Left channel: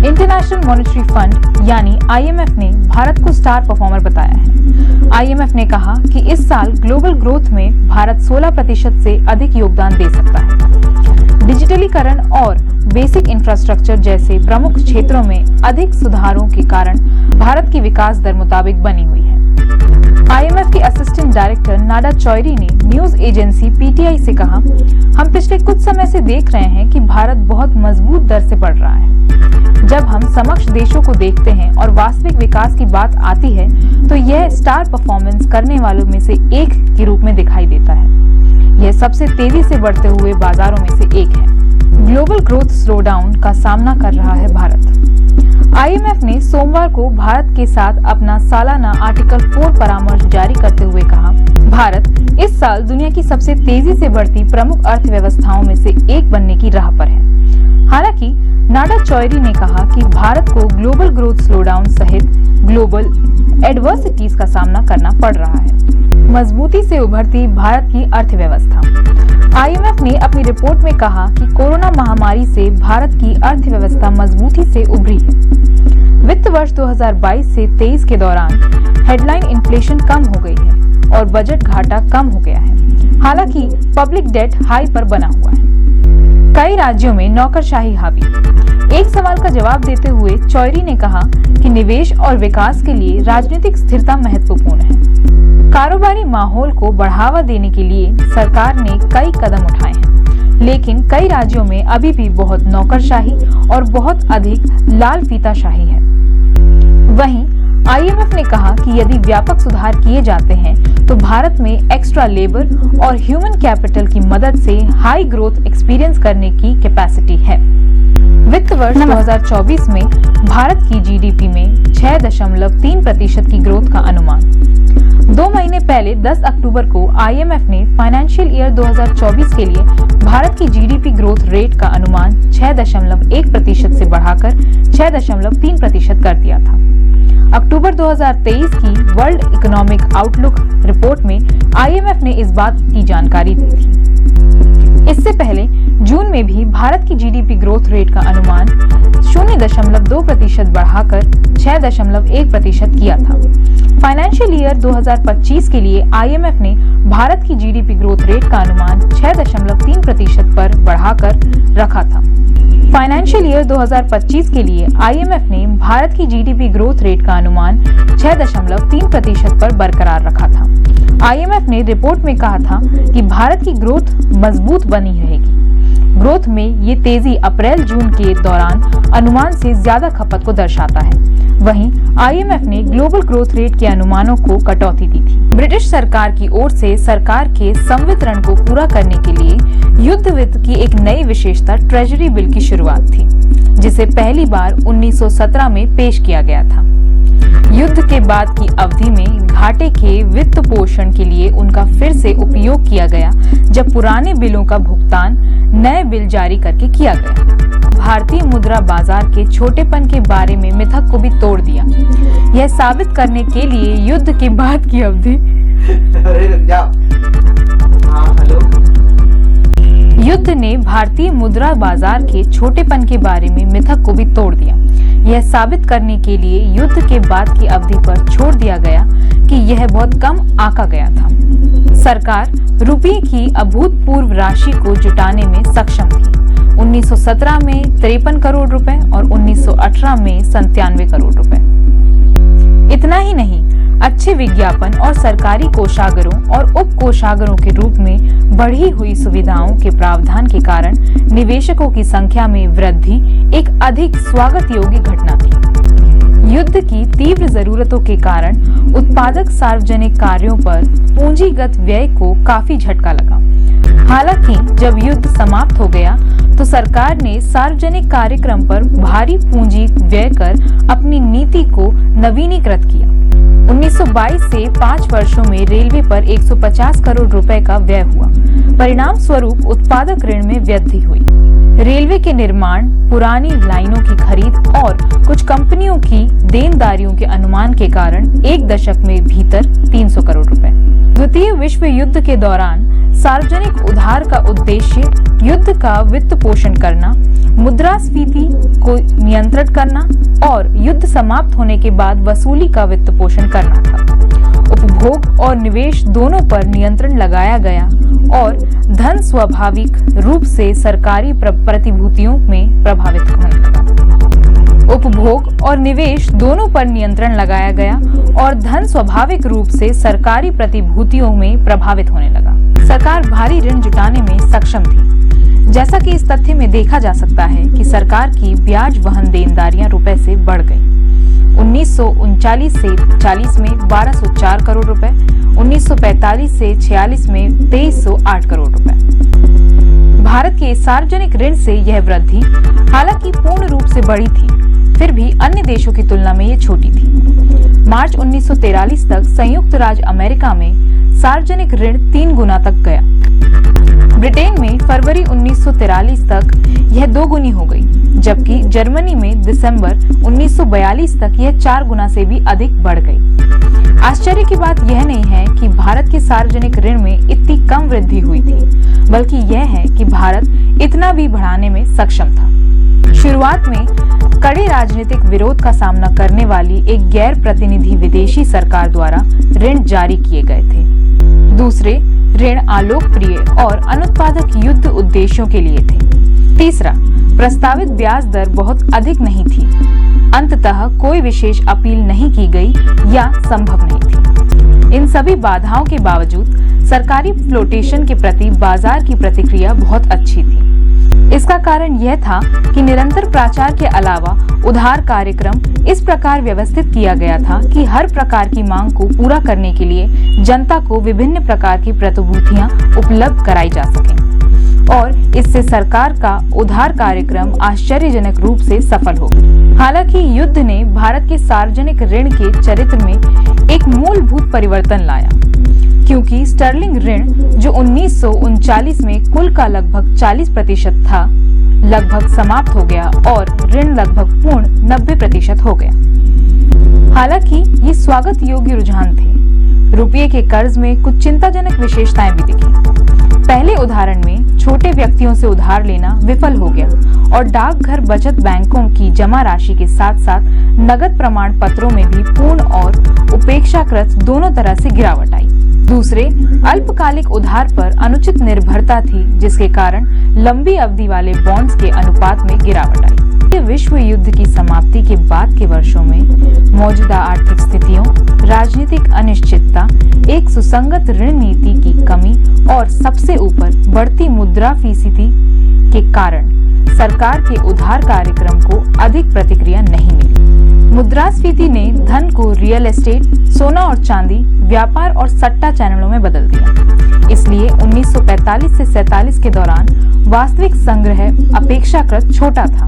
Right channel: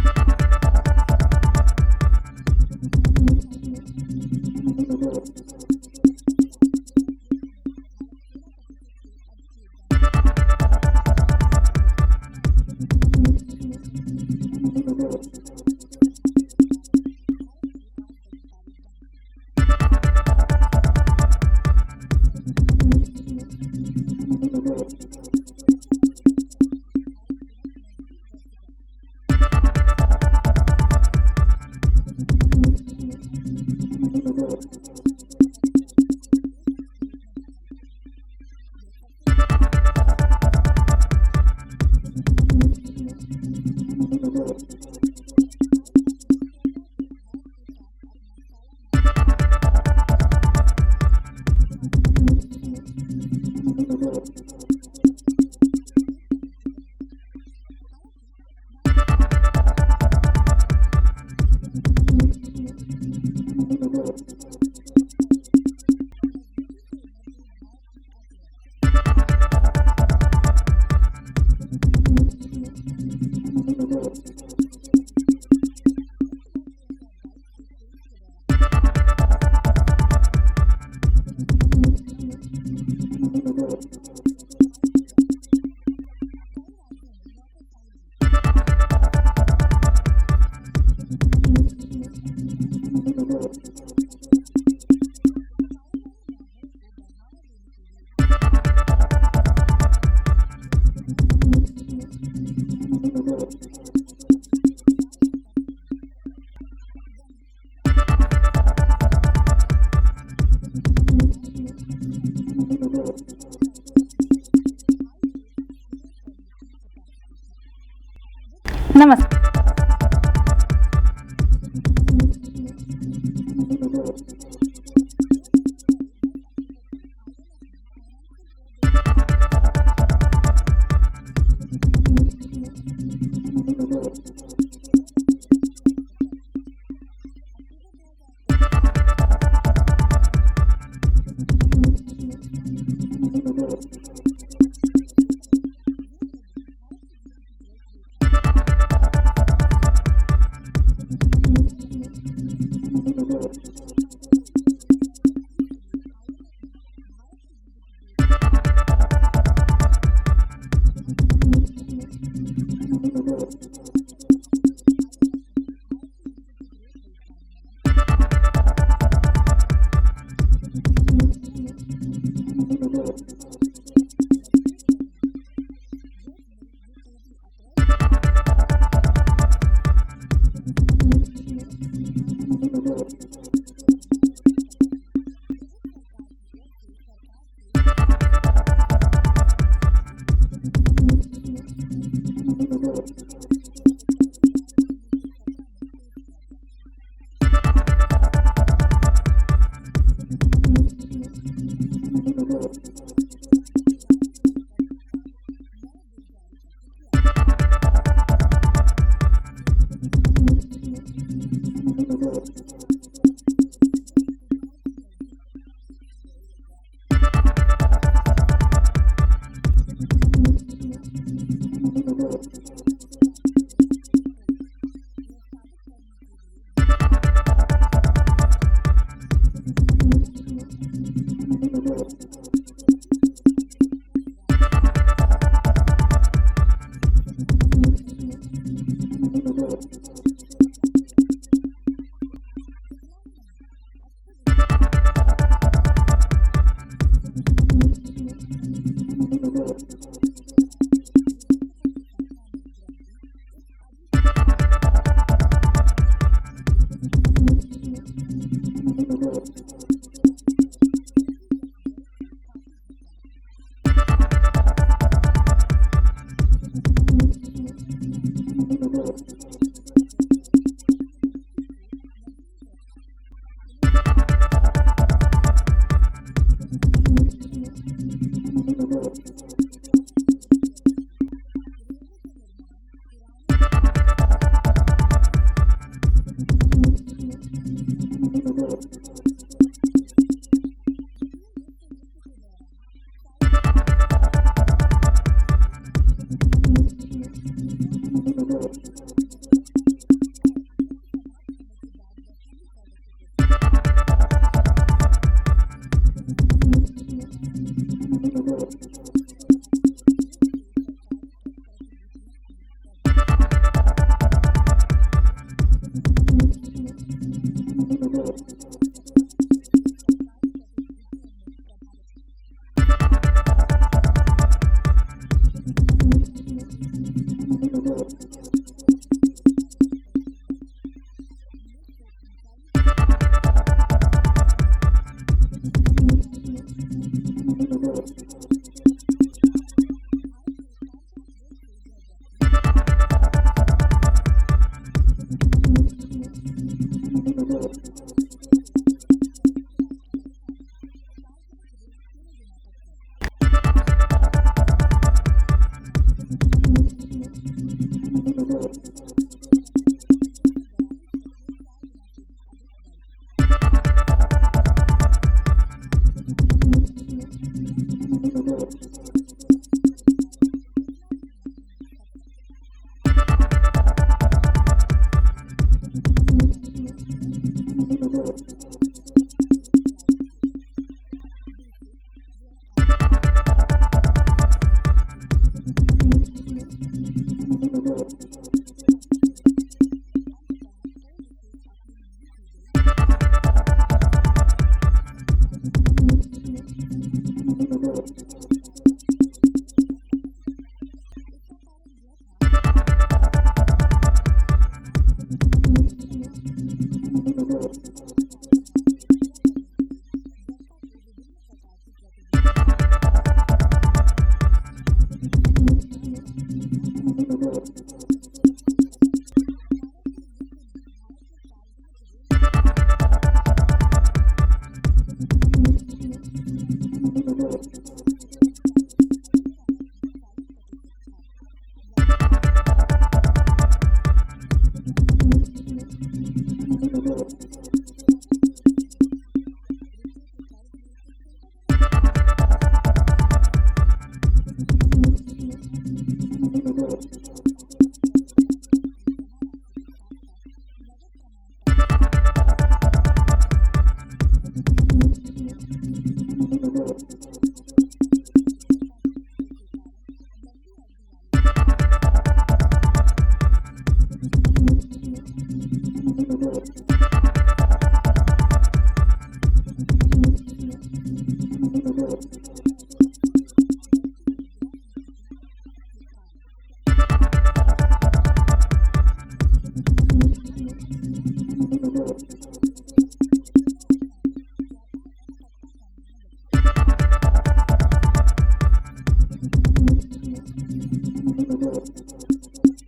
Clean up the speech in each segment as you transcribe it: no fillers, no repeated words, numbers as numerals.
International monetary fund यानी IMF ने भारत को स्टार परफॉर्मर बताया है। IMF ने कहा कि इस साल ग्लोबल ग्रोथ में भारत 16% से अधिक योगदान दे सकता है। डिजिटलीकरण और बेसिक इंफ्रास्ट्रक्चर जैसे प्रमुख क्षेत्रों में अधिक सुधारों के कारण भारत की विकास दर मुताबिक बनी हुई है। IMF के असिस्टेंट डायरेक्टर नाडा चौधरी ने न्यूज एजेंसी PTI से कहा, हम पिछले कुछ समय से देख रहे हैं कि भारत बहुत मजबूत दर से बढ़ रहा है। जब हम समकक्ष देशों को देखते हैं और वास्तविक विकास की बात आती है तो यह स्टार परफॉर्मेंस करने वालों में से एक के रूप में दिखाई देता है। यह सबसे तेजी से बढ़ते हुए बाजारों में से एक है। ग्लोबल ग्रोथ स्लोडाउन का सामना कर रहा है भारत। IMF ने सोमवार को भारत के साथ अपना सालाना आर्टिकल 4 परामर्श जारी करते हुए कहा, भारत इस साल दुनिया की सबसे तेजी से बढ़ती प्रमुख अर्थव्यवस्थाओं में से एक बनने की राह पर है। हालांकि नाडा चौधरी ने कहा कि भारत को ग्लोबल ग्रोथ स्लोडाउन सहित ग्लोबल एडवर्सिटीज का सामना करना पड़ रहा है। मजबूती से उभरती भारत की अर्थव्यवस्था। IMF ने अपनी रिपोर्ट में कहा कि कोरोना महामारी से भारत की अर्थव्यवस्था मजबूती से उभरी है। वित्त वर्ष 2022 से 23 के दौरान हेडलाइन इन्फ्लेशन कम हो गई है और बजट घाटा कम हो गया है। हालांकि पब्लिक डेट हाई पर बना हुआ है। कई राज्यों में नौकरशाही हावी। एक सवाल का जवाब देते हुए चौधरी ने कहा कि निवेश और विकास के लिए राजनीतिक स्थिरता महत्वपूर्ण है। कारोबारी माहौल को बढ़ावा देने के लिए सरकार ने कई कदम उठाए हैं, लेकिन कई राज्यों में अभी भी बहुत नौकरशाही और बहुत अधिक लाल फीताशाही है। वहीं IMF ने कहा कि यदि व्यापक सुधार किए जाते हैं तो भारत में एक्स्ट्रा लेबर और ह्यूमन कैपिटल की मदद से हाई ग्रोथ एक्सपीरियंस करने की कैपेसिटी है। वित्त वर्ष 2024 में भारत की GDP में 6.3% की ग्रोथ का अनुमान। 2 महीने पहले 10 अक्टूबर को IMF ने फाइनेंशियल ईयर 2024 के लिए भारत की GDP ग्रोथ रेट का अनुमान 6.1% से बढ़ाकर 6.3% कर दिया था। अक्टूबर 2023 की वर्ल्ड इकोनॉमिक आउटलुक रिपोर्ट में IMF ने इस बात की जानकारी दी थी। इससे पहले जून में भी भारत की GDP ग्रोथ रेट का अनुमान 0.2% बढ़ाकर 6.1% किया था। फाइनेंशियल ईयर 2025 के लिए IMF ने भारत की GDP ग्रोथ रेट का अनुमान 6.3% पर बढ़ाकर रखा था। फाइनेंशियल ईयर 2025 के लिए IMF ने भारत की GDP ग्रोथ रेट का अनुमान 6.3% पर बरकरार रखा था। IMF ने रिपोर्ट में कहा था कि भारत की ग्रोथ मजबूत बनी रहेगी। ग्रोथ में ये तेजी अप्रैल-जून के दौरान अनुमान से ज्यादा खपत को दर्शाता है। वहीं IMF ने ग्लोबल ग्रोथ रेट के अनुमानों को कटौती दी थी। ब्रिटिश सरकार की ओर से सरकार के संवितरण को पूरा करने के लिए युद्ध वित्त की एक नई विशेषता ट्रेजरी बिल की शुरुआत थी, जिसे पहली बार 1917 में पेश किया गया था। युद्ध के बाद की अवधि में घाटे के वित्त पोषण के लिए उनका फिर से उपयोग किया गया, जब पुराने बिलों का भुगतान नए बिल जारी करके किया गया। भारतीय मुद्रा बाजार के छोटेपन के बारे में मिथक को भी तोड़ दिया। यह साबित करने के लिए युद्ध के बाद की अवधि युद्ध ने भारतीय मुद्रा बाजार के छोटेपन के बारे में मिथक को भी तोड़ दिया। यह साबित करने के लिए युद्ध के बाद की अवधि पर छोड़ दिया गया कि यह बहुत कम आंका गया था। सरकार रुपये की अभूतपूर्व राशि को जुटाने में सक्षम थी। 1917 में 53 करोड़ रुपए और 1918 में 97 करोड़ रुपए। इतना ही नहीं, अच्छे विज्ञापन और सरकारी कोषागारों और उप कोषागारों के रूप में बढ़ी हुई सुविधाओं के प्रावधान के कारण निवेशकों की संख्या में वृद्धि एक अधिक स्वागत योग्य घटना थी। युद्ध की तीव्र जरूरतों के कारण उत्पादक सार्वजनिक कार्यों पर पूंजीगत व्यय को काफी झटका लगा। हालांकि जब युद्ध समाप्त हो गया तो सरकार ने सार्वजनिक कार्यक्रम पर भारी पूंजी व्यय कर अपनी नीति को नवीनीकृत किया। 1922 से 5 वर्षों में रेलवे पर 150 करोड़ रुपए का व्यय हुआ। परिणाम स्वरूप उत्पादक ऋण में वृद्धि हुई। रेलवे के निर्माण, पुरानी लाइनों की खरीद और कुछ कंपनियों की देनदारियों के अनुमान के कारण एक दशक में भीतर 300 करोड़ रुपए। द्वितीय विश्व युद्ध के दौरान सार्वजनिक उधार का उद्देश्य युद्ध का वित्त पोषण करना, मुद्रास्फीति को नियंत्रित करना और युद्ध समाप्त होने के बाद वसूली का वित्त पोषण करना था। उपभोग और निवेश दोनों पर नियंत्रण लगाया गया और धन स्वाभाविक रूप से सरकारी प्रतिभूतियों में प्रभावित होने लगा। उपभोग और निवेश दोनों पर नियंत्रण लगाया गया और धन स्वाभाविक रूप से सरकारी प्रतिभूतियों में प्रभावित होने लगा। सरकार भारी ऋण जुटाने में सक्षम थी, जैसा कि इस तथ्य में देखा जा सकता है कि सरकार की ब्याज वहन देनदारियां रुपए से बढ़ गई। 1939 से 40 में 1204 करोड़ रुपए, 1945 से 46 में 2308 करोड़ रुपए। भारत के सार्वजनिक ऋण से यह वृद्धि हालांकि पूर्ण रूप से बढ़ी थी, फिर भी अन्य देशों की तुलना में ये छोटी थी। मार्च 1943 तक संयुक्त राज्य अमेरिका में सार्वजनिक ऋण 3 गुना तक गया। ब्रिटेन में फरवरी 1943 तक यह 2 गुनी हो गई, जबकि जर्मनी में दिसंबर 1942 तक यह 4 गुना से भी अधिक बढ़ गई। आश्चर्य की बात यह नहीं है कि भारत के सार्वजनिक ऋण में इतनी कम वृद्धि हुई थी, बल्कि यह है कि भारत इतना भी बढ़ाने में सक्षम था। शुरुआत में कड़े राजनीतिक विरोध का सामना करने वाली एक गैर प्रतिनिधि विदेशी सरकार द्वारा ऋण जारी किए गए थे। दूसरे, ऋण अलोकप्रिय और अनुत्पादक युद्ध उद्देश्यों के लिए थे। तीसरा, प्रस्तावित ब्याज दर बहुत अधिक नहीं थी। अंततः कोई विशेष अपील नहीं की गई या संभव नहीं थी। इन सभी बाधाओं के बावजूद सरकारी फ्लोटेशन के प्रति बाजार की प्रतिक्रिया बहुत अच्छी थी। इसका कारण यह था कि निरंतर प्रचार के अलावा उधार कार्यक्रम इस प्रकार व्यवस्थित किया गया था कि हर प्रकार की मांग को पूरा करने के लिए जनता को विभिन्न प्रकार की प्रतिभूतियां उपलब्ध कराई जा सकें और इससे सरकार का उधार कार्यक्रम आश्चर्यजनक रूप से सफल हो। हालांकि युद्ध ने भारत के सार्वजनिक ऋण के चरित्र में एक मूलभूत परिवर्तन लाया, क्योंकि स्टर्लिंग ऋण जो 1939 में कुल का लगभग 40% था, लगभग समाप्त हो गया और ऋण लगभग पूर्ण 90% हो गया। हालांकि ये स्वागत योग्य रुझान थे। रुपये के कर्ज में कुछ चिंताजनक विशेषताएं भी दिखी। पहले उदाहरण में छोटे व्यक्तियों से उधार लेना विफल हो गया और डाकघर बचत बैंकों की जमा राशि के साथ साथ नगद प्रमाण पत्रों में भी पूर्ण और उपेक्षाकृत दोनों तरह से गिरावट आई। दूसरे, अल्पकालिक उधार पर अनुचित निर्भरता थी, जिसके कारण लंबी अवधि वाले बॉन्ड्स के अनुपात में गिरावट आई। विश्व युद्ध की समाप्ति के बाद के वर्षों में मौजूदा आर्थिक स्थितियों, राजनीतिक अनिश्चितता, एक सुसंगत ऋण नीति की कमी और सबसे ऊपर बढ़ती मुद्रास्फीति के कारण सरकार के उधार कार्यक्रम को अधिक प्रतिक्रिया नहीं मिली। मुद्रास्फीति ने धन को रियल एस्टेट, सोना और चांदी, व्यापार और सट्टा चैनलों में बदल दिया। इसलिए 1945 से 47 के दौरान वास्तविक संग्रह अपेक्षाकृत छोटा था।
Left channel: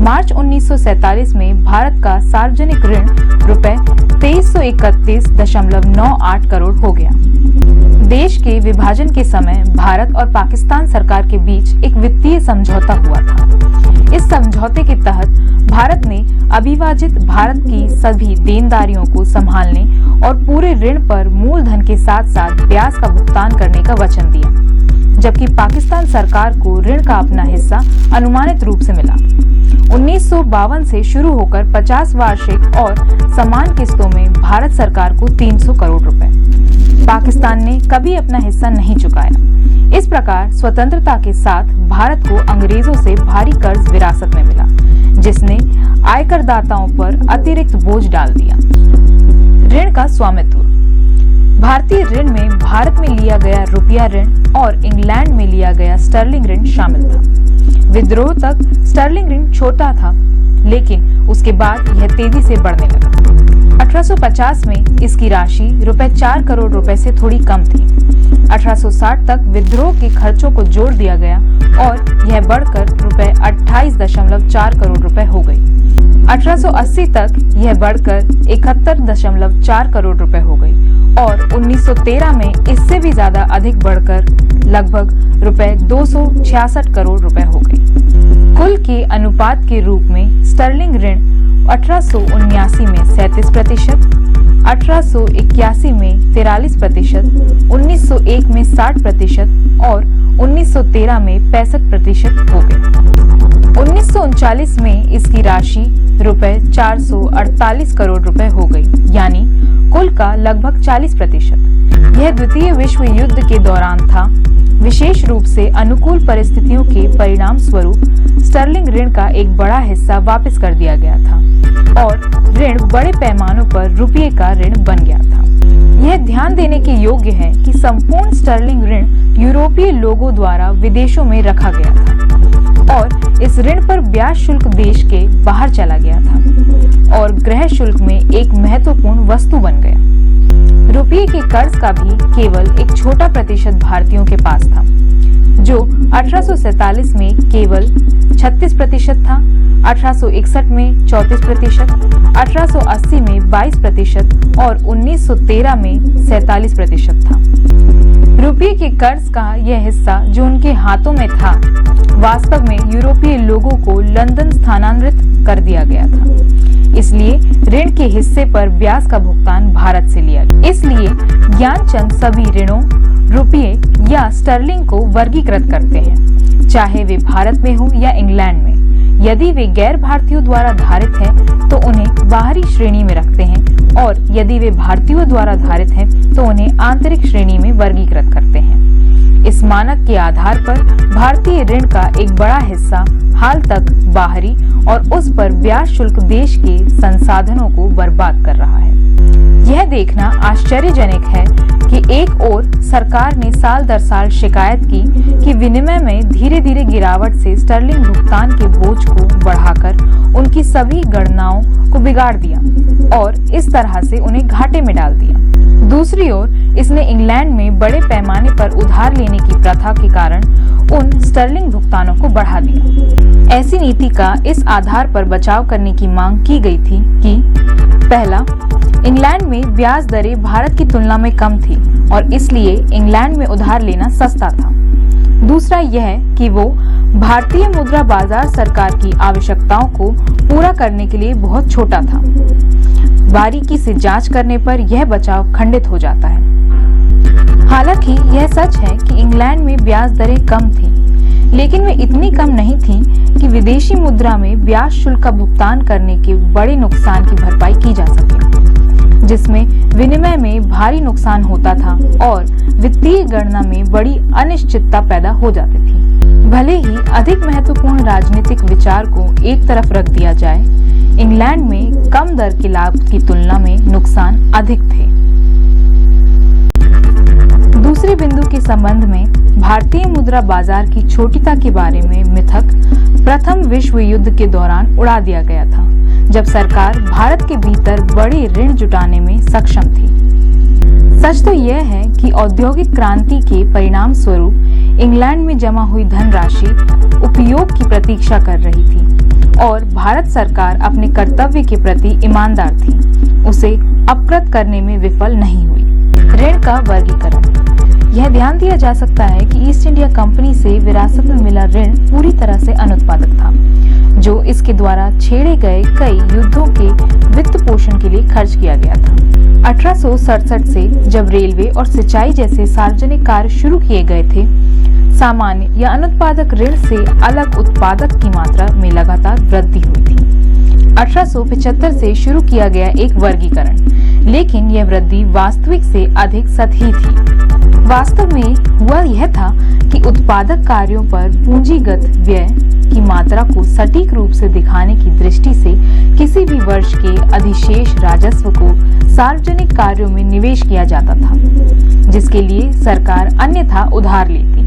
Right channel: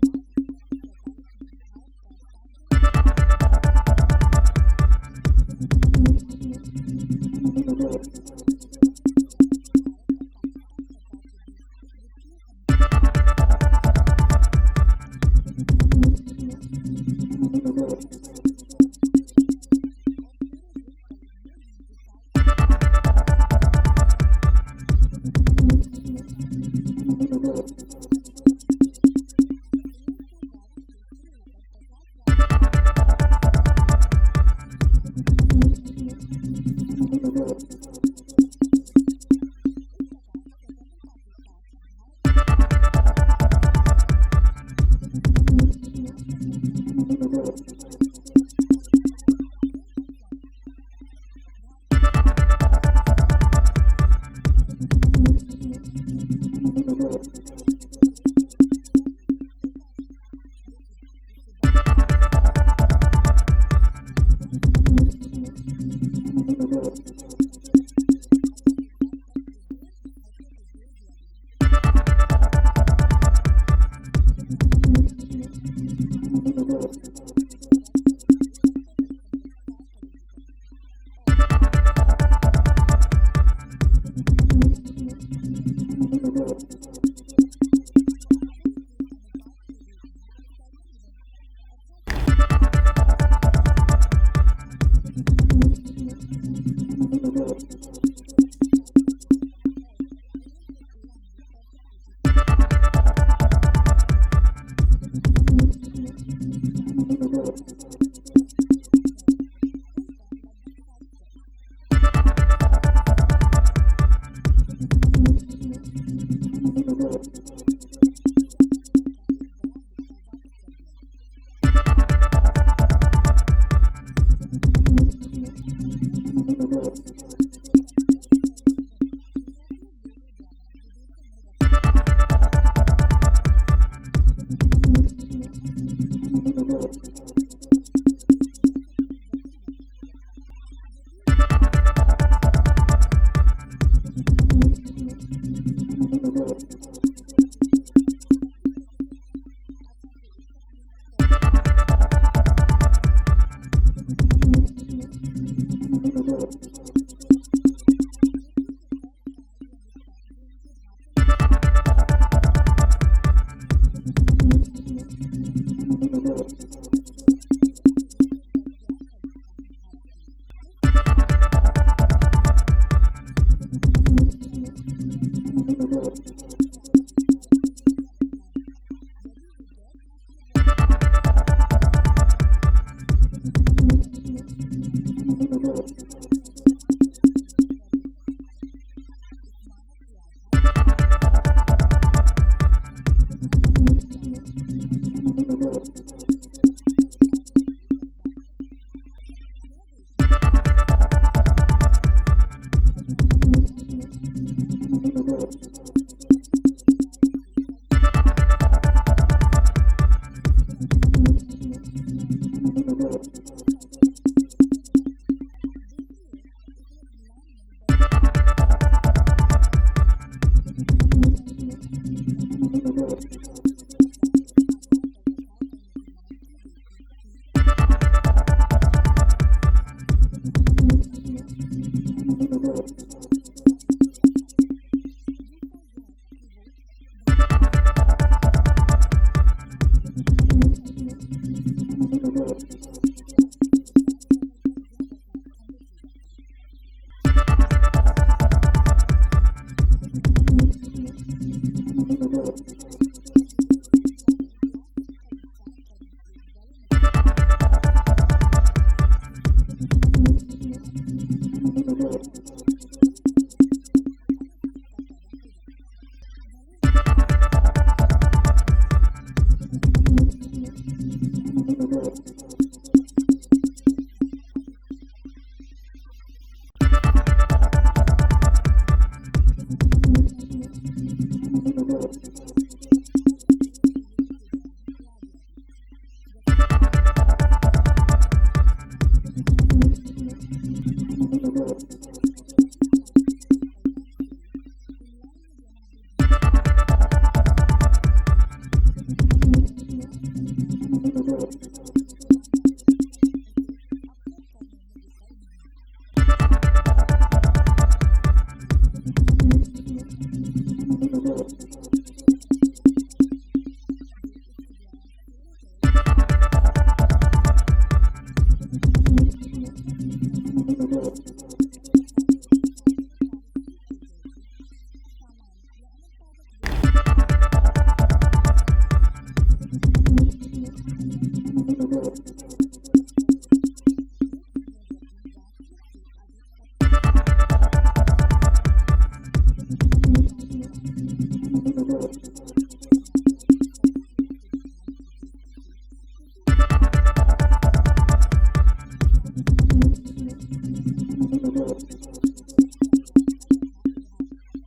मार्च 1947 में भारत का सार्वजनिक ऋण रुपए 2331.98 करोड़ हो गया। देश के विभाजन के समय भारत और पाकिस्तान सरकार के बीच एक वित्तीय समझौता हुआ था। इस समझौते के तहत भारत ने अविभाजित भारत की सभी देनदारियों को संभालने और पूरे ऋण पर मूलधन के साथ साथ ब्याज का भुगतान करने का वचन दिया, जबकि पाकिस्तान सरकार को ऋण का अपना हिस्सा अनुमानित रूप से मिला। 1952 से शुरू होकर 50 वार्षिक और समान किस्तों में भारत सरकार को 300 करोड़ रुपए। पाकिस्तान ने कभी अपना हिस्सा नहीं चुकाया। इस प्रकार स्वतंत्रता के साथ भारत को अंग्रेजों से भारी कर्ज विरासत में मिला, जिसने आयकरदाताओं पर अतिरिक्त बोझ डाल दिया। ऋण का स्वामित्व। भारतीय ऋण में भारत में लिया गया रुपया ऋण और इंग्लैंड में लिया गया स्टर्लिंग ऋण शामिल था। विद्रोह तक स्टर्लिंग ऋण छोटा था, लेकिन उसके बाद यह तेजी से बढ़ने लगा। 1850 में इसकी राशि रुपए 4 करोड़ रुपए से थोड़ी कम थी। 1860 तक विद्रोह के खर्चों को जोड़ दिया गया और यह बढ़कर रुपए 28.4 करोड़ रुपए हो गई। 1880 तक यह बढ़कर 71.4 करोड़ रुपए हो गई और 1913 में इससे भी ज्यादा अधिक बढ़कर लगभग रुपए 266 करोड़ रुपए हो गई। कुल के अनुपात के रूप में स्टर्लिंग ऋण 1879 में 37%, 1881 में 43%, 1901 में 60% और 1913 में 65% हो गई। 1939 में इसकी राशि रुपए 448 करोड़ रुपए हो गई, यानी कुल का लगभग 40%। यह द्वितीय विश्व युद्ध के दौरान था। विशेष रूप से अनुकूल परिस्थितियों के परिणाम स्वरूप स्टर्लिंग ऋण का एक बड़ा हिस्सा वापस कर दिया गया था और ऋण बड़े पैमानों पर रुपये का ऋण बन गया था। यह ध्यान देने के योग्य है कि संपूर्ण स्टर्लिंग ऋण यूरोपीय लोगों द्वारा विदेशों में रखा गया था और इस ऋण पर ब्याज शुल्क देश के बाहर चला गया था और गृह शुल्क में एक महत्वपूर्ण वस्तु बन गया। रुपये के कर्ज का भी केवल एक छोटा प्रतिशत भारतीयों के पास था, जो 1847 में केवल 36% था, 1861 में 34%, 1880 में 22% और 1913 में 47% था। रुपये के कर्ज का यह हिस्सा जो उनके हाथों में था, वास्तव में यूरोपीय लोगों को लंदन स्थानांतरित कर दिया गया था। इसलिए ऋण के हिस्से पर ब्याज का भुगतान भारत से लिया गया। इसलिए ज्ञानचंद सभी ऋणों, रुपये या स्टर्लिंग को वर्गीकृत करते हैं, चाहे वे भारत में हो या इंग्लैंड में। यदि वे गैर भारतीयों द्वारा धारित हैं, तो उन्हें बाहरी श्रेणी में रखते हैं और यदि वे भारतीयों द्वारा धारित हैं, तो उन्हें आंतरिक श्रेणी में वर्गीकृत करते हैं। इस मानक के आधार पर भारतीय ऋण का एक बड़ा हिस्सा हाल तक बाहरी और उस पर ब्याज शुल्क देश के संसाधनों को बर्बाद कर रहा है। यह देखना आश्चर्यजनक है कि एक ओर सरकार ने साल दर साल शिकायत की कि विनिमय में धीरे धीरे गिरावट से स्टर्लिंग भुगतान के बोझ को बढ़ाकर उनकी सभी गणनाओं को बिगाड़ दिया और इस तरह से उन्हें घाटे में डाल दिया। दूसरी ओर इसने इंग्लैंड में बड़े पैमाने पर उधार लेने की प्रथा के कारण उन स्टर्लिंग भुगतानों को बढ़ा दिया। ऐसी नीति का इस आधार पर बचाव करने की मांग की गई थी कि पहला, इंग्लैंड में ब्याज दरें भारत की तुलना में कम थी और इसलिए इंग्लैंड में उधार लेना सस्ता था। दूसरा यह कि वो भारतीय मुद्रा बाजार सरकार की आवश्यकताओं को पूरा करने के लिए बहुत छोटा था। बारीकी से जांच करने पर यह बचाव खंडित हो जाता है। हालांकि यह सच है कि इंग्लैंड में ब्याज दरें कम थीं, लेकिन वे इतनी कम नहीं थीं कि विदेशी मुद्रा में ब्याज शुल्क का भुगतान करने के बड़े नुकसान की भरपाई की जा सके, जिसमें विनिमय में भारी नुकसान होता था और वित्तीय गणना में बड़ी अनिश्चितता पैदा हो जाती थी। भले ही अधिक महत्वपूर्ण राजनीतिक विचार को एक तरफ रख दिया जाए, इंग्लैंड में कम दर के लाभ की तुलना में नुकसान अधिक थे। दूसरे बिंदु के संबंध में भारतीय मुद्रा बाजार की छोटिता के बारे में मिथक प्रथम विश्व युद्ध के दौरान उड़ा दिया गया था, जब सरकार भारत के भीतर बड़े ऋण जुटाने में सक्षम थी। सच तो यह है कि औद्योगिक क्रांति के परिणाम स्वरूप इंग्लैंड में जमा हुई धनराशि उपयोग की प्रतीक्षा कर रही थी और भारत सरकार अपने कर्तव्य के प्रति ईमानदार थी, उसे अपकृत करने में विफल नहीं हुई। ऋण का वर्गीकरण। यह ध्यान दिया जा सकता है कि ईस्ट इंडिया कंपनी से विरासत में मिला ऋण पूरी तरह से अनुत्पादक था, जो इसके द्वारा छेड़े गए कई युद्धों के वित्त पोषण के लिए खर्च किया गया था। 1867 से जब रेलवे और सिंचाई जैसे सार्वजनिक कार्य शुरू किए गए थे, सामान्य या अनुत्पादक ऋण से अलग उत्पादक की मात्रा में लगातार वृद्धि हुई थी। 1875 से शुरू किया गया एक वर्गीकरण, लेकिन यह वृद्धि वास्तविक से अधिक सतही थी। वास्तव में हुआ यह था कि उत्पादक कार्यों पर पूंजीगत व्यय की मात्रा को सटीक रूप से दिखाने की दृष्टि से किसी भी वर्ष के अधिशेष राजस्व को सार्वजनिक कार्यों में निवेश किया जाता था, जिसके लिए सरकार अन्यथा उधार लेती।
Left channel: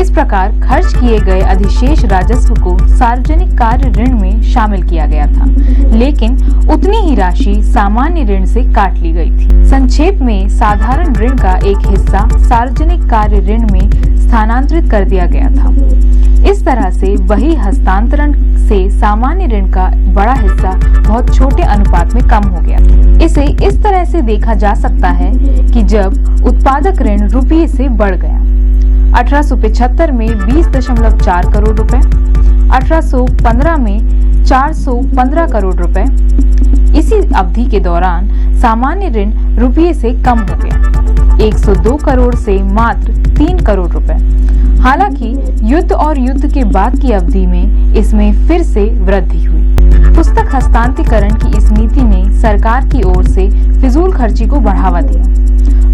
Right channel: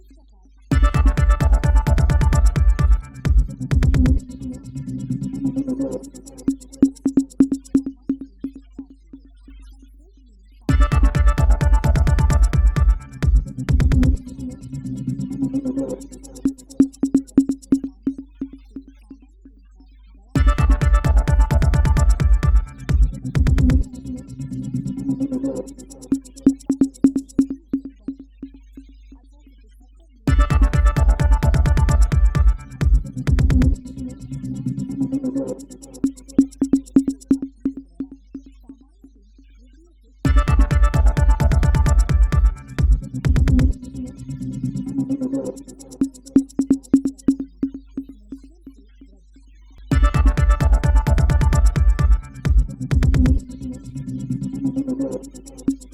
इस प्रकार खर्च किए गए अधिशेष राजस्व को सार्वजनिक कार्य ऋण में शामिल किया गया था, लेकिन उतनी ही राशि सामान्य ऋण से काट ली गई थी। संक्षेप में, साधारण ऋण का एक हिस्सा सार्वजनिक कार्य ऋण में स्थानांतरित कर दिया गया था। इस तरह से वही हस्तांतरण से सामान्य ऋण का बड़ा हिस्सा बहुत छोटे अनुपात में कम हो गया। इसे इस तरह से देखा जा सकता है कि जब उत्पादक ऋण रुपये से बढ़ गया, 1875 में 20.4 करोड़ रुपए, 1815 में 415 करोड़ रुपए। इसी अवधि के दौरान सामान्य ऋण रुपये से कम हो गया, 102 करोड़ से मात्र 3 करोड़ रुपए। हालांकि युद्ध और युद्ध के बाद की अवधि में इसमें फिर से वृद्धि हुई। पुस्तक हस्तांतरीकरण की इस नीति ने सरकार की ओर से फिजूल खर्ची को बढ़ावा दिया।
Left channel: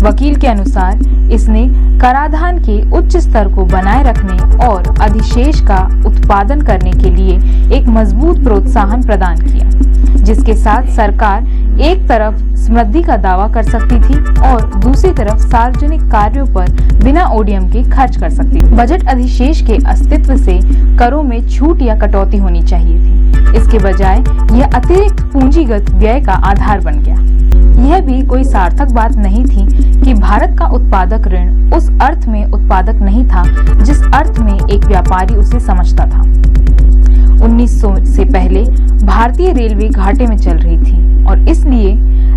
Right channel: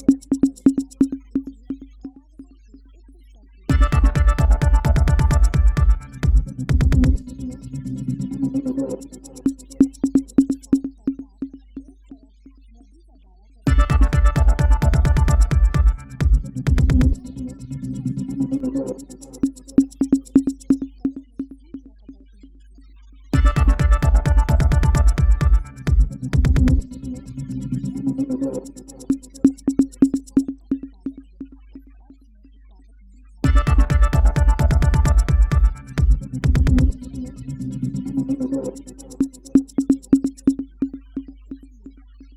वकील के अनुसार इसने कराधान के उच्च स्तर को बनाए रखने और अधिशेष का उत्पादन करने के लिए एक मजबूत प्रोत्साहन प्रदान किया, जिसके साथ सरकार एक तरफ समृद्धि का दावा कर सकती थी और दूसरी तरफ सार्वजनिक कार्यों पर बिना ओडीएम के खर्च कर सकती थी। बजट अधिशेष के अस्तित्व से करों में छूट या कटौती होनी चाहिए थी। इसके बजाय यह अतिरिक्त पूंजीगत व्यय का आधार बन गया। यह भी कोई सार्थक बात नहीं थी कि भारत का उत्पादक ऋण उस अर्थ में उत्पादक नहीं था जिस अर्थ में एक व्यापारी उसे समझता था। 1900 से पहले भारतीय रेलवे घाटे में चल रही थी और इसलिए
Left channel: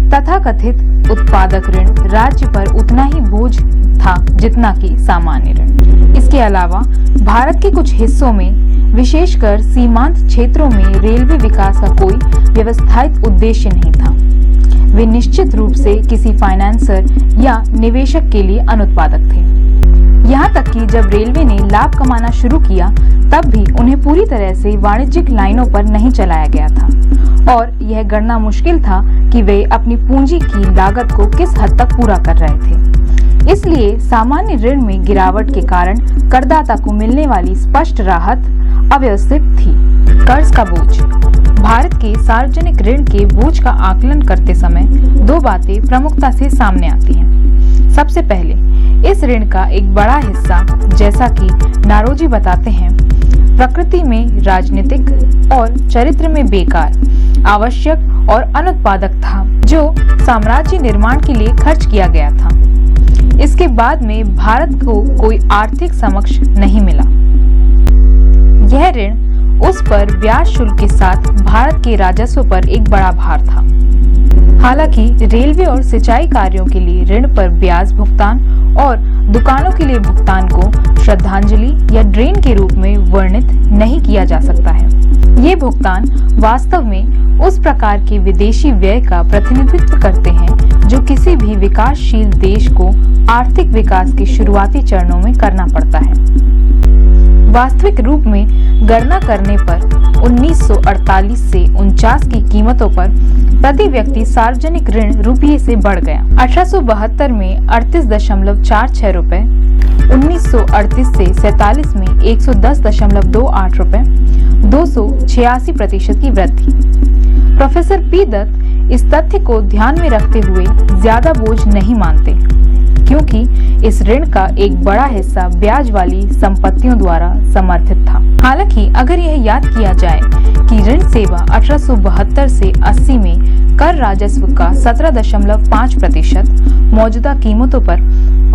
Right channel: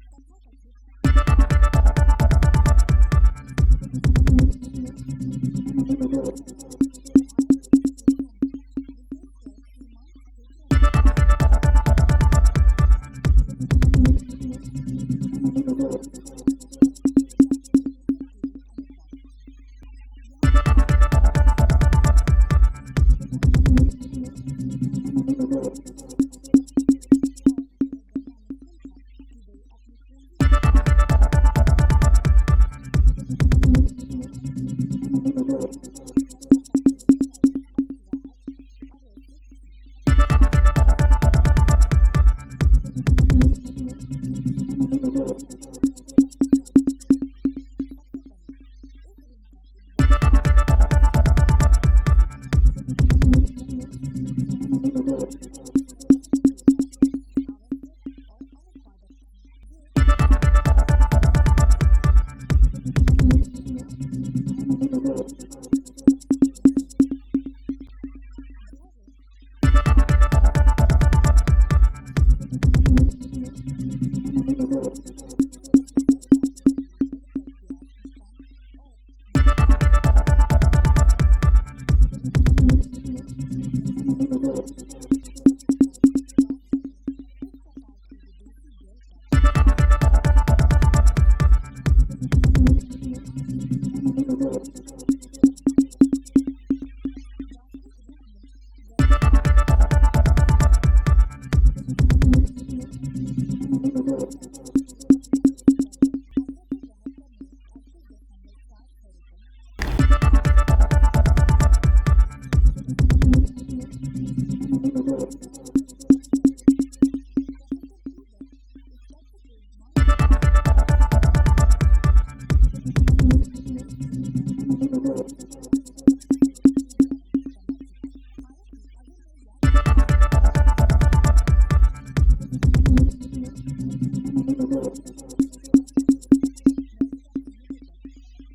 तथाकथित उत्पादक ऋण राज्य पर उतना ही बोझ था जितना कि सामान्य ऋण। इसके अलावा भारत के कुछ हिस्सों में, विशेषकर सीमांत क्षेत्रों में रेलवे विकास का कोई व्यवस्थित उद्देश्य नहीं था। वे निश्चित रूप से किसी फाइनेंसर या निवेशक के लिए अनुत्पादक थे। यहाँ तक कि जब रेलवे ने लाभ कमाना शुरू किया तब भी उन्हें पूरी तरह से वाणिज्यिक लाइनों पर नहीं चलाया गया था और यह गणना मुश्किल था कि वे अपनी पूंजी की लागत को किस हद तक पूरा कर रहे थे। इसलिए सामान्य ऋण में गिरावट के कारण करदाता को मिलने वाली स्पष्ट राहत अव्यवस्थित थी। कर्ज का बोझ। भारत के सार्वजनिक ऋण के बोझ का आकलन करते समय दो बातें प्रमुखता से सामने आती हैं। सबसे पहले, इस ऋण का एक बड़ा हिस्सा, जैसा कि नारोजी बताते हैं, प्रकृति में राजनीतिक और चरित्र में बेकार, आवश्यक और अनुत्पादक था, जो साम्राज्य निर्माण के लिए खर्च किया गया था। इसके बाद में भारत को कोई आर्थिक समक्ष नहीं मिला। यह ऋण उस पर ब्याज शुल्क के साथ भारत के राजस्व पर एक बड़ा भार था। हालांकि रेलवे और सिंचाई कार्यों के लिए ऋण पर ब्याज भुगतान और दुकानों के लिए भुगतान को श्रद्धांजलि या ड्रेन के रूप में वर्णित नहीं किया जा सकता है। ये भुगतान वास्तव में उस प्रकार के विदेशी व्यय का प्रतिनिधित्व करते हैं जो किसी भी विकासशील देश को आर्थिक विकास के शुरुआती चरणों में करना पड़ता है। वास्तविक रूप में गणना करने पर 1948 से 49 की कीमतों पर प्रति व्यक्ति सार्वजनिक ऋण रुपये से बढ़ गया। 1872 में 38.46 रुपए, 1938 से 47 में 110.28 रुपए, 286% की वृद्धि। प्रोफेसर पी दत्त इस तथ्य को ध्यान में रखते हुए ज्यादा बोझ नहीं मानते, क्योंकि इस ऋण का एक बड़ा हिस्सा ब्याज वाली संपत्तियों द्वारा समर्थित था। हालांकि अगर यह याद किया जाए कि ऋण सेवा 1872 से 80 में कर राजस्व का 17.5% मौजूदा कीमतों पर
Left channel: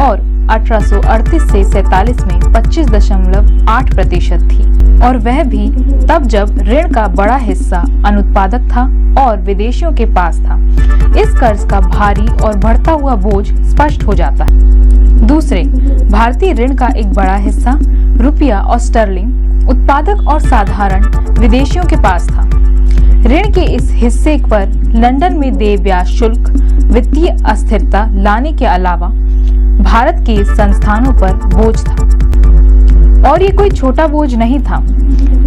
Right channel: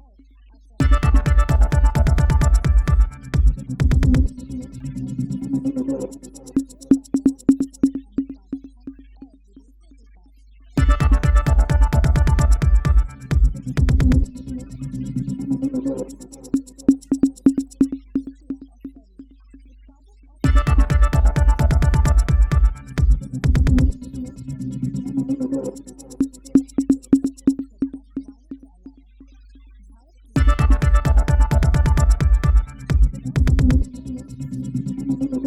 और 1838 से 47 में 25.8% थी, और वह भी तब जब ऋण का बड़ा हिस्सा अनुत्पादक था और विदेशियों के पास था। इस कर्ज का भारी और बढ़ता हुआ बोझ स्पष्ट हो जाता है। दूसरे, भारतीय ऋण का एक बड़ा हिस्सा रुपया और स्टर्लिंग उत्पादक और साधारण विदेशियों के पास था। ऋण के इस हिस्से पर लंदन में देय ब्याज शुल्क वित्तीय अस्थिरता लाने के अलावा भारत के संस्थानों पर बोझ था, और ये कोई छोटा बोझ नहीं था।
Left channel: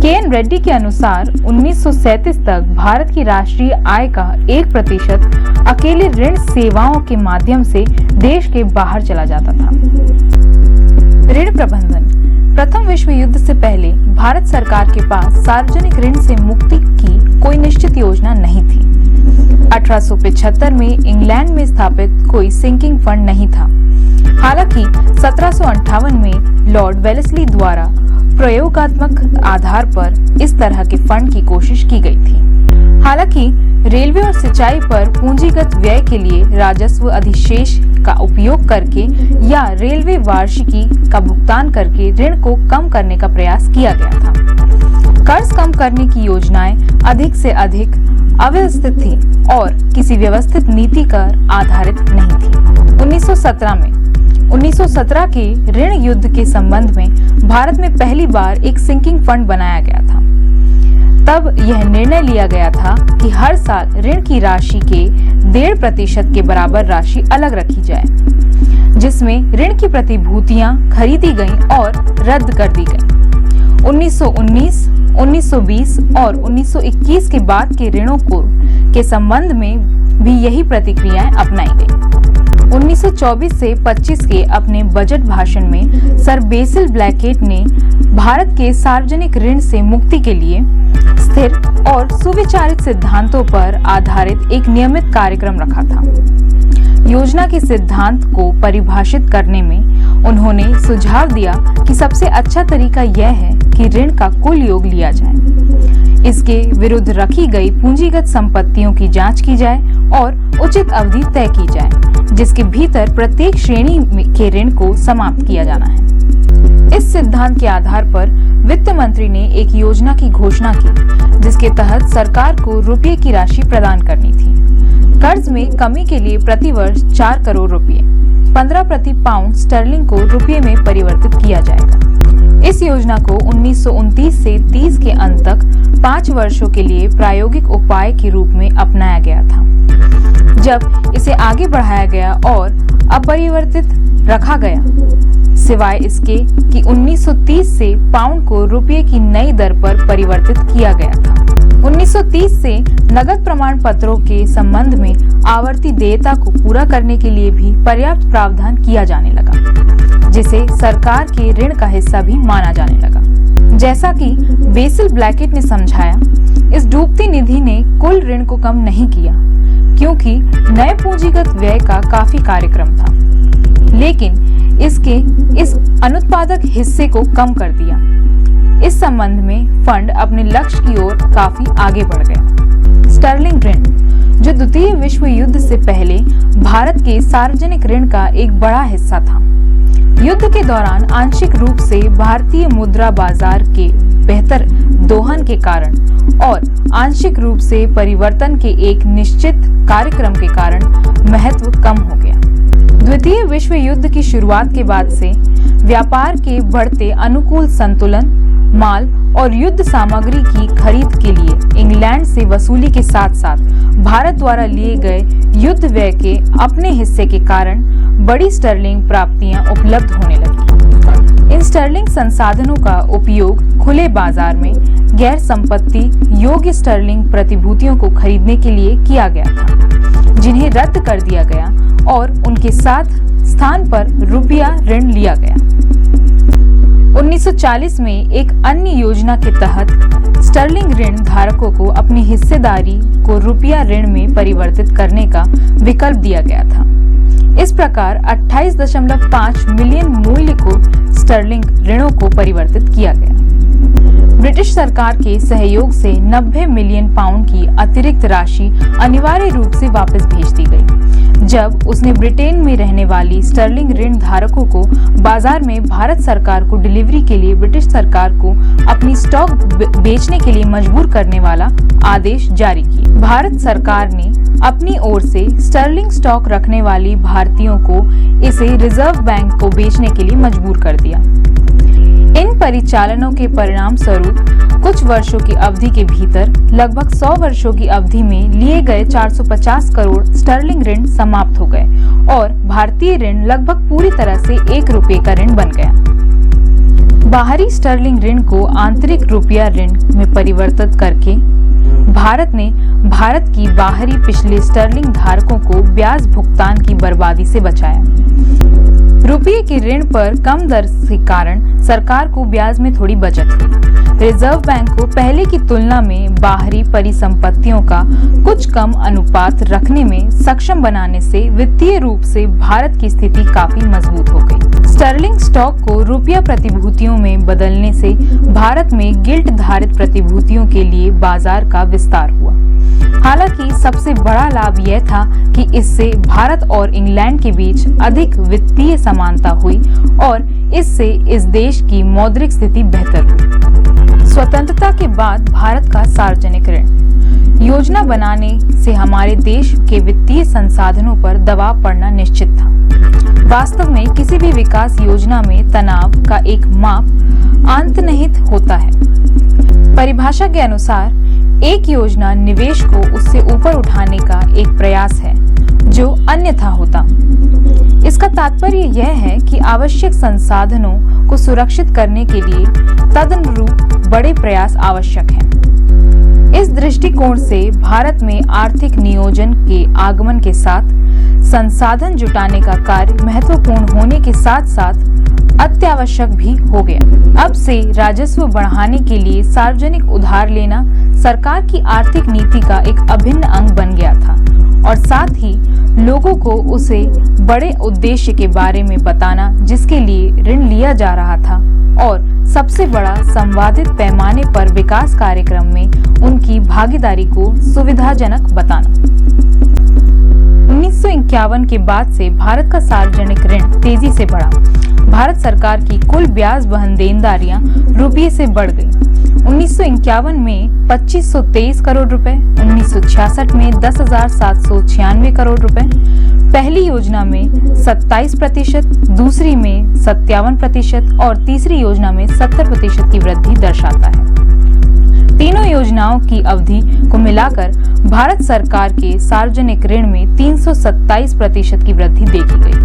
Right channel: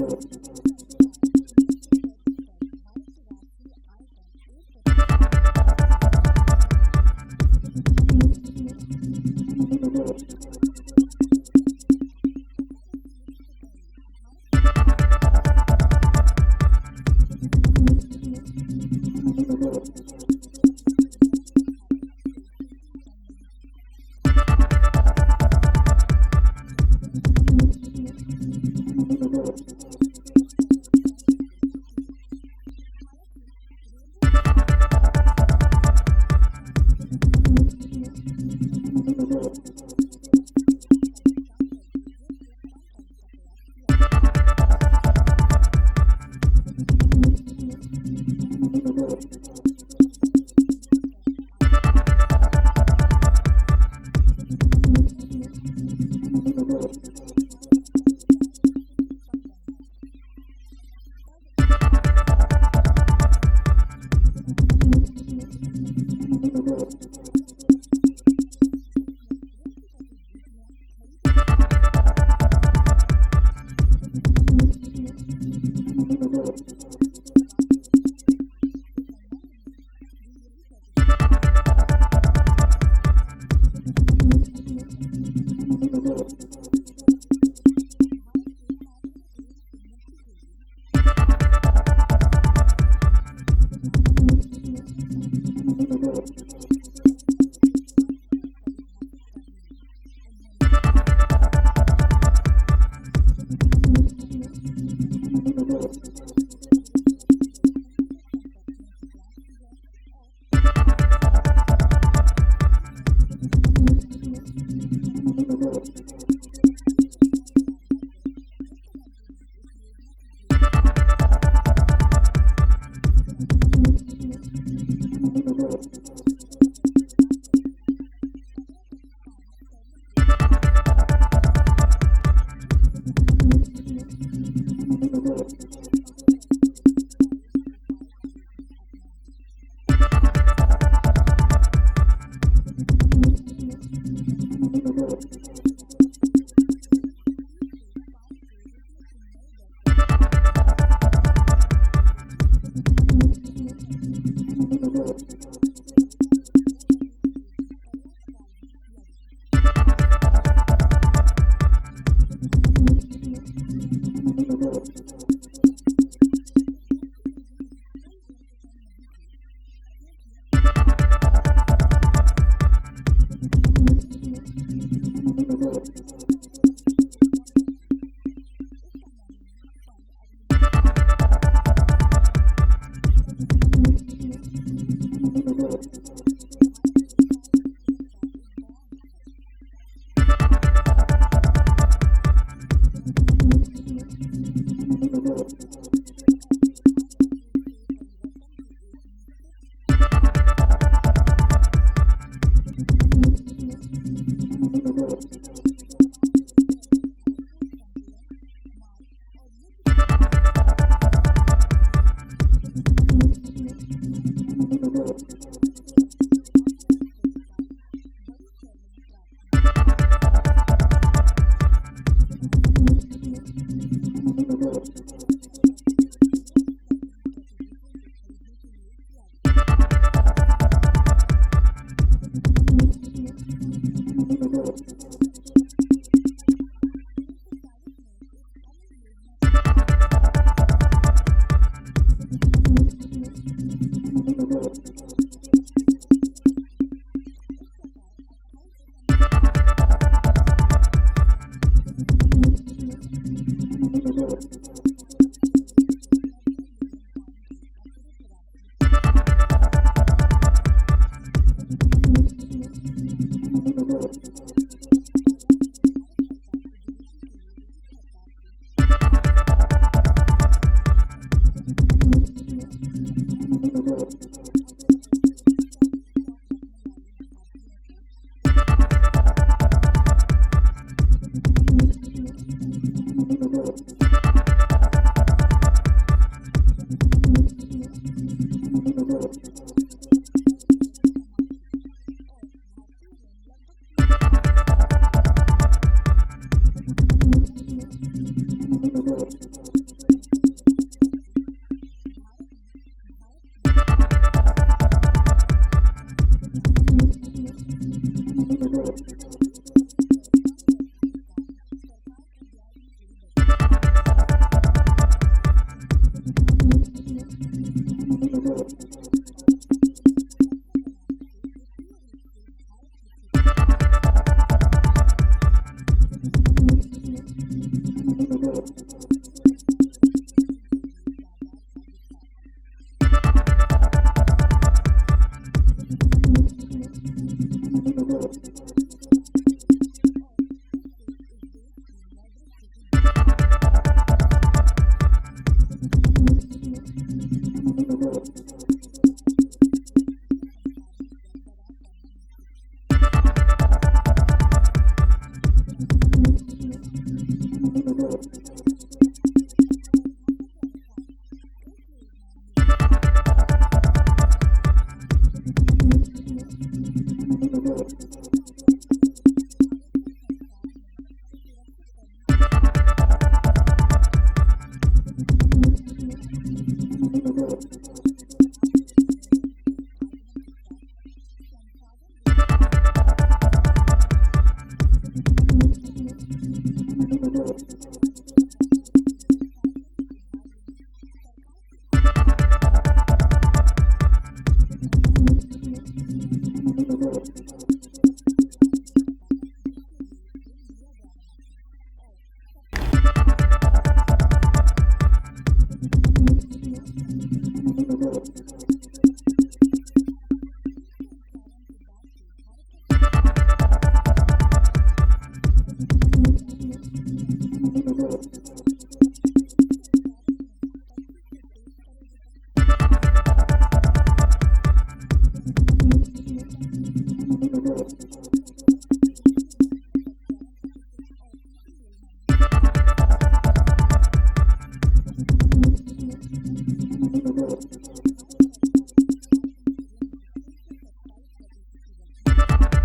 के.एन. रेड्डी के अनुसार 1937 तक भारत की राष्ट्रीय आय का 1% अकेले ऋण सेवाओं के माध्यम से देश के बाहर चला जाता था। ऋण प्रबंधन। प्रथम विश्व युद्ध से पहले भारत सरकार के पास सार्वजनिक ऋण से मुक्ति की कोई निश्चित योजना नहीं थी। 1875 में इंग्लैंड में स्थापित कोई सिंकिंग फंड नहीं था। हालांकि 1758 में लॉर्ड वेलेस्ली द्वारा प्रयोगात्मक आधार पर इस तरह के फंड की कोशिश की गई थी। हालांकि रेलवे और सिंचाई पर पूंजीगत व्यय के लिए राजस्व अधिशेष का उपयोग करके या रेलवे वार्षिकी का भुगतान करके ऋण को कम करने का प्रयास किया गया था। कर्ज कम करने की योजनाएं अधिक से अधिक अव्यवस्थित थी और किसी व्यवस्थित नीति पर आधारित नहीं थी। 1917 के ऋण युद्ध के संबंध में भारत में पहली बार एक सिंकिंग फंड बनाया गया था। तब यह निर्णय लिया गया था कि हर साल ऋण की राशि के 1.5% के बराबर राशि अलग रखी जाए, जिसमें ऋण की प्रतिभूतियां खरीदी गईं और रद्द कर दी गईं। 1919, 1920 और 1921 के बाद के ऋणों के संबंध में भी यही प्रतिक्रियाएं अपनाई गईं। 1924 से 25 के अपने बजट भाषण में सर बेसिल ब्लैकेट ने भारत के सार्वजनिक ऋण से मुक्ति के लिए स्थिर और सुविचारित सिद्धांतों पर आधारित एक नियमित कार्यक्रम रखा था। योजना के सिद्धांत को परिभाषित करने में उन्होंने सुझाव दिया कि सबसे अच्छा तरीका यह है कि ऋण का कुल योग लिया जाए, इसके विरुद्ध रखी गई पूंजीगत संपत्तियों की जांच की जाए और उचित अवधि तय की जाए, जिसके भीतर प्रत्येक श्रेणी के ऋण को समाप्त किया जाना है। इस सिद्धांत के आधार पर वित्त मंत्री ने एक योजना की घोषणा की, जिसके तहत सरकार को रुपये की राशि प्रदान करनी थी। कर्ज में कमी के लिए प्रति वर्ष 4 करोड़ रुपए, 15 प्रति पाउंड स्टर्लिंग को रुपये में परिवर्तित किया जाएगा। इस योजना को 1929 से 30 के अंत तक 5 वर्षों के लिए प्रायोगिक उपाय के रूप में अपनाया गया था। जब इसे आगे बढ़ाया गया और अपरिवर्तित रखा गया, सिवाय इसके कि 1930 से पाउंड को रुपये की नई दर पर परिवर्तित किया गया था। 1930 से नगद प्रमाण पत्रों के संबंध में आवर्ती देयता को पूरा करने के लिए भी पर्याप्त प्रावधान किया जाने लगा, जिसे सरकार के ऋण का हिस्सा भी माना जाने लगा। जैसा कि बेसिल ब्लैकेट ने समझाया, इस डूबती निधि ने कुल ऋण को कम नहीं किया, क्योंकि नए पूंजीगत व्यय का काफी कार्यक्रम था, लेकिन इसके इस अनुत्पादक हिस्से को कम कर दिया। इस संबंध में फंड अपने लक्ष्य की ओर काफी आगे बढ़ गए। स्टर्लिंग ऋण, जो द्वितीय विश्व युद्ध से पहले भारत के सार्वजनिक ऋण का एक बड़ा हिस्सा था, युद्ध के दौरान आंशिक रूप से भारतीय मुद्रा बाजार के बेहतर दोहन के कारण और आंशिक रूप से परिवर्तन के एक निश्चित कार्यक्रम के कारण महत्व कम हो गया। द्वितीय विश्व युद्ध की शुरुआत के बाद से व्यापार के बढ़ते अनुकूल संतुलन, माल और युद्ध सामग्री की खरीद के लिए इंग्लैंड से वसूली के साथ साथ भारत द्वारा लिए गए युद्ध व्यय के अपने हिस्से के कारण बड़ी स्टर्लिंग प्राप्तियां उपलब्ध होने लगी। इन स्टर्लिंग संसाधनों का उपयोग खुले बाजार में गैर संपत्ति योग्य स्टर्लिंग प्रतिभूतियों को खरीदने के लिए किया गया था, जिन्हें रद्द कर दिया गया और उनके साथ स्थान पर रुपया ऋण लिया गया। 1940 में एक अन्य योजना के तहत स्टर्लिंग ऋण धारकों को अपनी हिस्सेदारी को रुपया ऋण में परिवर्तित करने का विकल्प दिया गया था। इस प्रकार 28.5 मिलियन मूल्य को स्टर्लिंग ऋणों को परिवर्तित किया गया। ब्रिटिश सरकार के सहयोग से 90 मिलियन पाउंड की अतिरिक्त राशि अनिवार्य रूप से वापस भेज दी गई, जब उसने ब्रिटेन में रहने वाली स्टर्लिंग ऋण धारकों को बाजार में भारत सरकार को डिलीवरी के लिए ब्रिटिश सरकार को अपनी स्टॉक बेचने के लिए मजबूर करने वाला आदेश जारी किया। भारत सरकार ने अपनी ओर से स्टर्लिंग स्टॉक रखने वाली भारतीयों को इसे रिजर्व बैंक को बेचने के लिए मजबूर कर दिया। इन परिचालनों के परिणाम स्वरूप कुछ वर्षों की अवधि के भीतर लगभग 100 वर्षों की अवधि में लिए गए 450 करोड़ स्टर्लिंग ऋण समाप्त हो गए और भारतीय ऋण लगभग पूरी तरह से 1 रुपये का ऋण बन गया। बाहरी स्टर्लिंग ऋण को आंतरिक रुपया ऋण में परिवर्तित करके भारत ने भारत की बाहरी पिछले स्टर्लिंग धारकों को ब्याज भुगतान की बर्बादी से बचाया। रुपये के ऋण पर कम दर के कारण सरकार को ब्याज में थोड़ी बचत हुई। रिजर्व बैंक को पहले की तुलना में बाहरी परिसंपत्तियों का कुछ कम अनुपात रखने में सक्षम बनाने से वित्तीय रूप से भारत की स्थिति काफी मजबूत हो गई। स्टर्लिंग स्टॉक को रुपया प्रतिभूतियों में बदलने से भारत में गिल्ट धारित प्रतिभूतियों के लिए बाजार का विस्तार हुआ। हालांकि सबसे बड़ा लाभ यह था कि इससे भारत और इंग्लैंड के बीच अधिक वित्तीय समानता हुई और इससे इस देश की मौद्रिक स्थिति बेहतर हुई। स्वतंत्रता के बाद भारत का सार्वजनिक ऋण योजना बनाने से हमारे देश के वित्तीय संसाधनों पर दबाव पड़ना निश्चित था। वास्तव में किसी भी विकास योजना में तनाव का एक माप अंतर्निहित होता है। परिभाषा के अनुसार एक योजना निवेश को उससे ऊपर उठाने का एक प्रयास है जो अन्यथा होता। इसका तात्पर्य यह है कि आवश्यक संसाधनों को सुरक्षित करने के लिए तदनुरूप बड़े प्रयास आवश्यक हैं। इस दृष्टिकोण से भारत में आर्थिक नियोजन के आगमन के साथ संसाधन जुटाने का कार्य महत्वपूर्ण होने के साथ साथ अत्यावश्यक भी हो गया। अब से राजस्व बढ़ाने के लिए सार्वजनिक उधार लेना सरकार की आर्थिक नीति का एक अभिन्न अंग बन गया था और साथ ही लोगों को उसे बड़े उद्देश्य के बारे में बताना जिसके लिए ऋण लिया जा रहा था और सबसे बड़ा संवादित पैमाने पर विकास कार्यक्रम में उनकी भागीदारी को सुविधाजनक बताना। 1951 के बाद से भारत का सार्वजनिक ऋण तेजी से बढ़ा। भारत सरकार की कुल ब्याज वहन देनदारियां रुपये से बढ़ गई। 1951 में 2523 करोड़ रुपए, 1966 में 10,796 करोड़ रुपए, पहली योजना में 27%, दूसरी में 57% और तीसरी योजना में 70% की वृद्धि दर्शाता है। तीनों योजनाओं की अवधि को मिलाकर भारत सरकार के सार्वजनिक ऋण में 327% की वृद्धि देखी गई।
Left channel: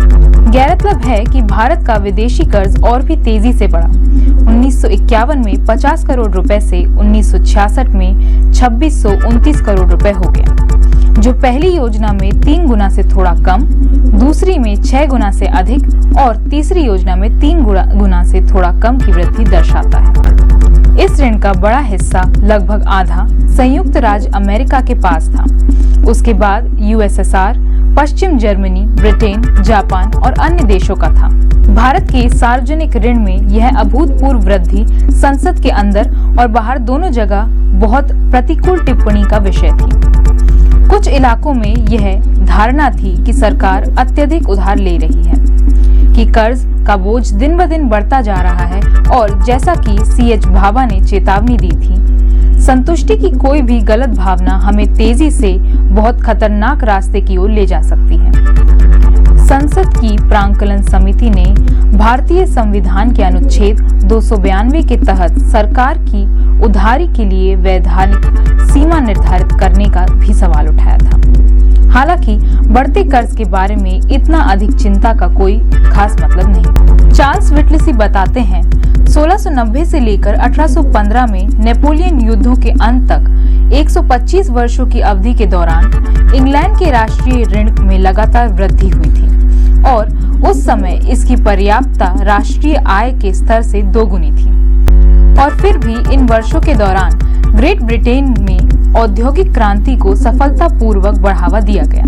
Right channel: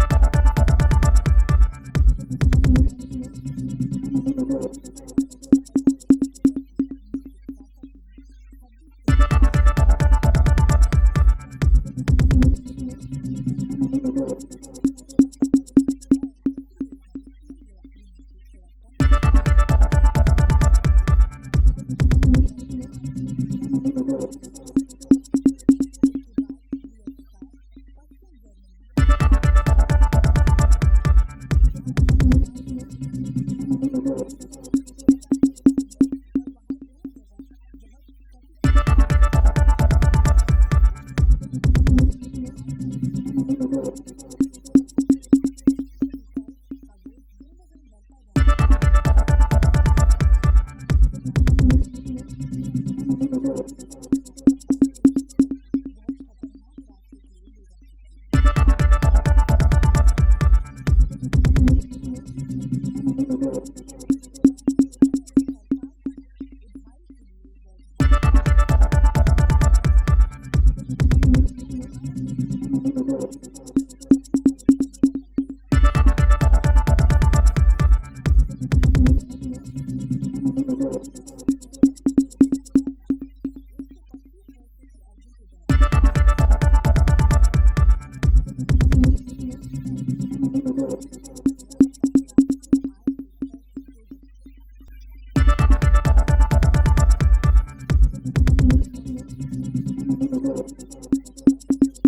गौरतलब है कि भारत का विदेशी कर्ज और भी तेजी से बढ़ा। 1951 में 50 करोड़ रुपए से 1966 में 2629 करोड़ रुपए हो गया, जो पहली योजना में 3 गुना से थोड़ा कम, दूसरी में 6 गुना से अधिक और तीसरी योजना में 3 गुना से थोड़ा कम की वृद्धि दर्शाता है। इस ऋण का बड़ा हिस्सा, लगभग आधा, संयुक्त राज्य अमेरिका के पास था। उसके बाद यूएसएसआर, पश्चिम जर्मनी, ब्रिटेन, जापान और अन्य देशों का था। भारत के सार्वजनिक ऋण में यह अभूतपूर्व वृद्धि संसद के अंदर और बाहर दोनों जगह बहुत प्रतिकूल टिप्पणी का विषय थी। कुछ इलाकों में यह धारणा थी कि सरकार अत्यधिक उधार ले रही है, कि कर्ज का बोझ दिन ब दिन बढ़ता जा रहा है और जैसा कि C.H. भाभा ने चेतावनी दी थी, संतुष्टि की कोई भी गलत भावना हमें तेजी से बहुत खतरनाक रास्ते की ओर ले जा सकती है। संसद की प्रांकलन समिति ने भारतीय संविधान के अनुच्छेद 292 के तहत सरकार की उधारी के लिए वैधानिक सीमा निर्धारित करने का भी सवाल उठाया था। हालांकि बढ़ते कर्ज के बारे में इतना अधिक चिंता का कोई खास मतलब नहीं। चार्ल्स व्हिटलेसी बताते हैं, 1690 से लेकर 1815 में नेपोलियन युद्धों के अंत तक 125 वर्षों की अवधि के दौरान इंग्लैंड के राष्ट्रीय ऋण में लगातार वृद्धि हुई थी और उस समय इसकी पर्याप्तता राष्ट्रीय आय के स्तर से दोगुनी थी। और फिर भी इन वर्षों के दौरान ग्रेट ब्रिटेन में औद्योगिक क्रांति को सफलतापूर्वक बढ़ावा दिया गया।